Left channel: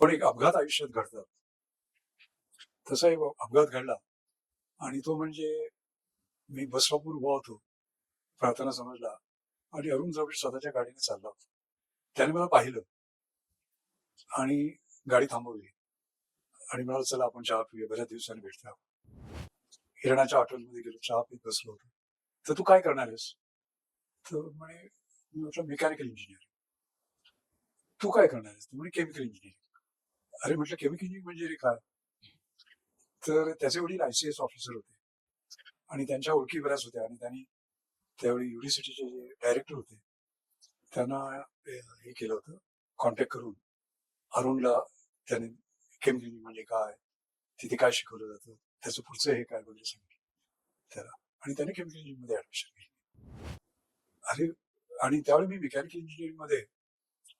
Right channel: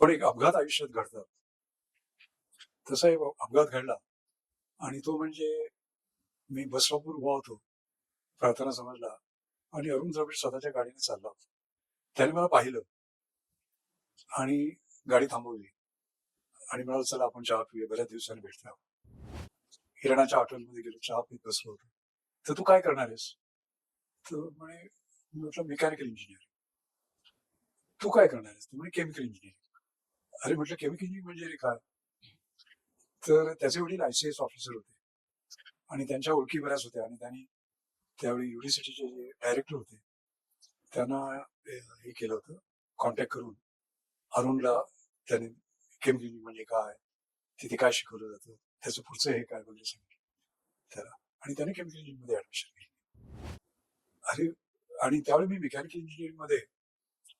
पण एक अपघात आयुष्यात घडतात. तसा एक अपघात घडला आणि तो म्हणजे मी बस उभा होतो. प्रार्थना समजला आणि अरुण द्रविड स्वतःच्या गाडीने चालला होता. त्याने मला पाहिलं आणि गाडी थांबवली आणि म्हणाल चला आपण चहा पिऊया. बऱ्याच दिवसांनी भेटतो हिरणाच्या हॉटेलमध्ये गेलो चहा पीत बसलो होतो. तर तू काय करणार आहेस? तर म्हणे म्हटलं मेकॅनिकल इंजिनियर तू काय करणार आहेस? म्हणजे म्हणे केमिकल इंजिनिअरिंग अरे म्हटलं केमिकल इंजिनिअरिंग म्हणजे रे काय? तर त्याचे वडील आय सी एस ऑफिसर होते. आणि त्यांच्या ओळखी बऱ्याच होत्या आणि त्यांनी त्यावेळी युनिव्हर्सिटीचे जे डायरेक्टर होते त्यांना हे केलं होतं कॉन्टॅक्ट करून अरुणला त्याने केमिकल इंजिनिअरिंग म्हणजे काय? तिथे काय शिकवलं जातं? त्याचं पुढचं हे काय म्हणजे सांगितलं. त्याला. आणि त्याने केमिकल इंजिनिअरिंगमध्ये ऍडमिशन घेतली. अरे आणि त्यावेळी मी मेकॅनिकल इंजिनिअरिंगमध्ये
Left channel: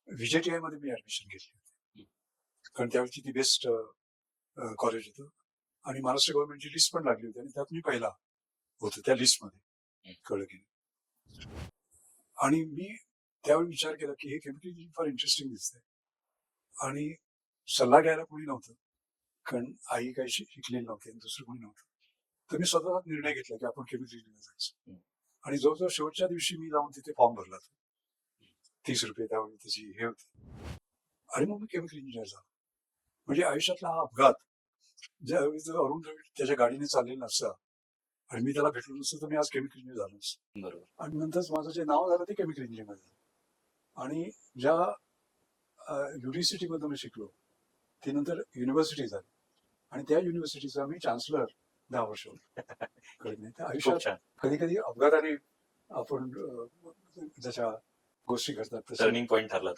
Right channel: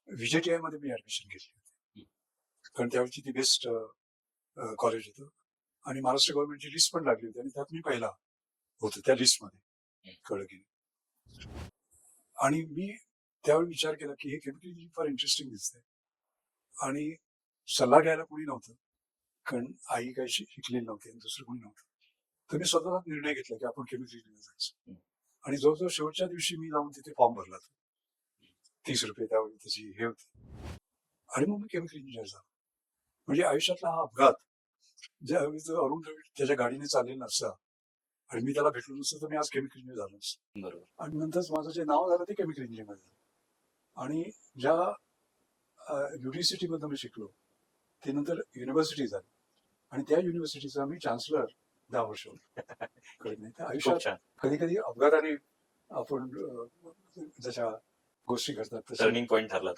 व्हीजेटीआयमध्ये मी ऍडमिशन घेतली. होती कारण त्यावेळची ती बेस्ट कॉलेज होतं. आणि महाराष्ट्र गव्हर्नमेंटची लिस्ट पण लागली होती आणि त्यात मी पहिला होतो त्या लिस्टमध्ये कळलं की. आणि मी त्यावेळी विचार केला की हे केमिकल इंजिनिअरिंग फार इंटरेस्टिंग दिसतंय. आणि सल्ला घ्यायला कोणी नव्हतं. कारण आई काही शिक- शिकलेली नव्हती आणि दुसरं कोणी नव्हतं. तर मी स्वतःच निर्णय घेतला की आपण केमिकल इंजिनिअरिंग जायचं. आणि जवळजवळ शेवटच्या दिवशी मी जाऊन तिथे फॉर्म भरला तीस रुपये त्यावेळी त्याची हे होती. आणि मग मी केमिकल इंजिनियर झालो. म्हणजे आयुष्यातला हा अपघात ज्यावेळी जर अरुण त्याच्या गाडीने चाललेला नसता. आणि मी त्याला भेटलो नसतो तर मी आज केमिकल इंजिनियर झालो नसतो. बरोबर. आणि नंतर माझं जे नाव झालं ते केमिकल इंजिनिअरिंग झालं. आणि ज्या युनिव्हर्सिटीमधून मी शिकलो ते नंतर युनिव्हर्सिटी झाली. आणि त्या युनिव्हर्सिटीचा मी चान्सलर दहा वर्ष होतो. आयुष्यात कधी कधी अपघाताने आपण जशा गोष्टी घडतात तशा टर्निंग पॉईंट ठरला.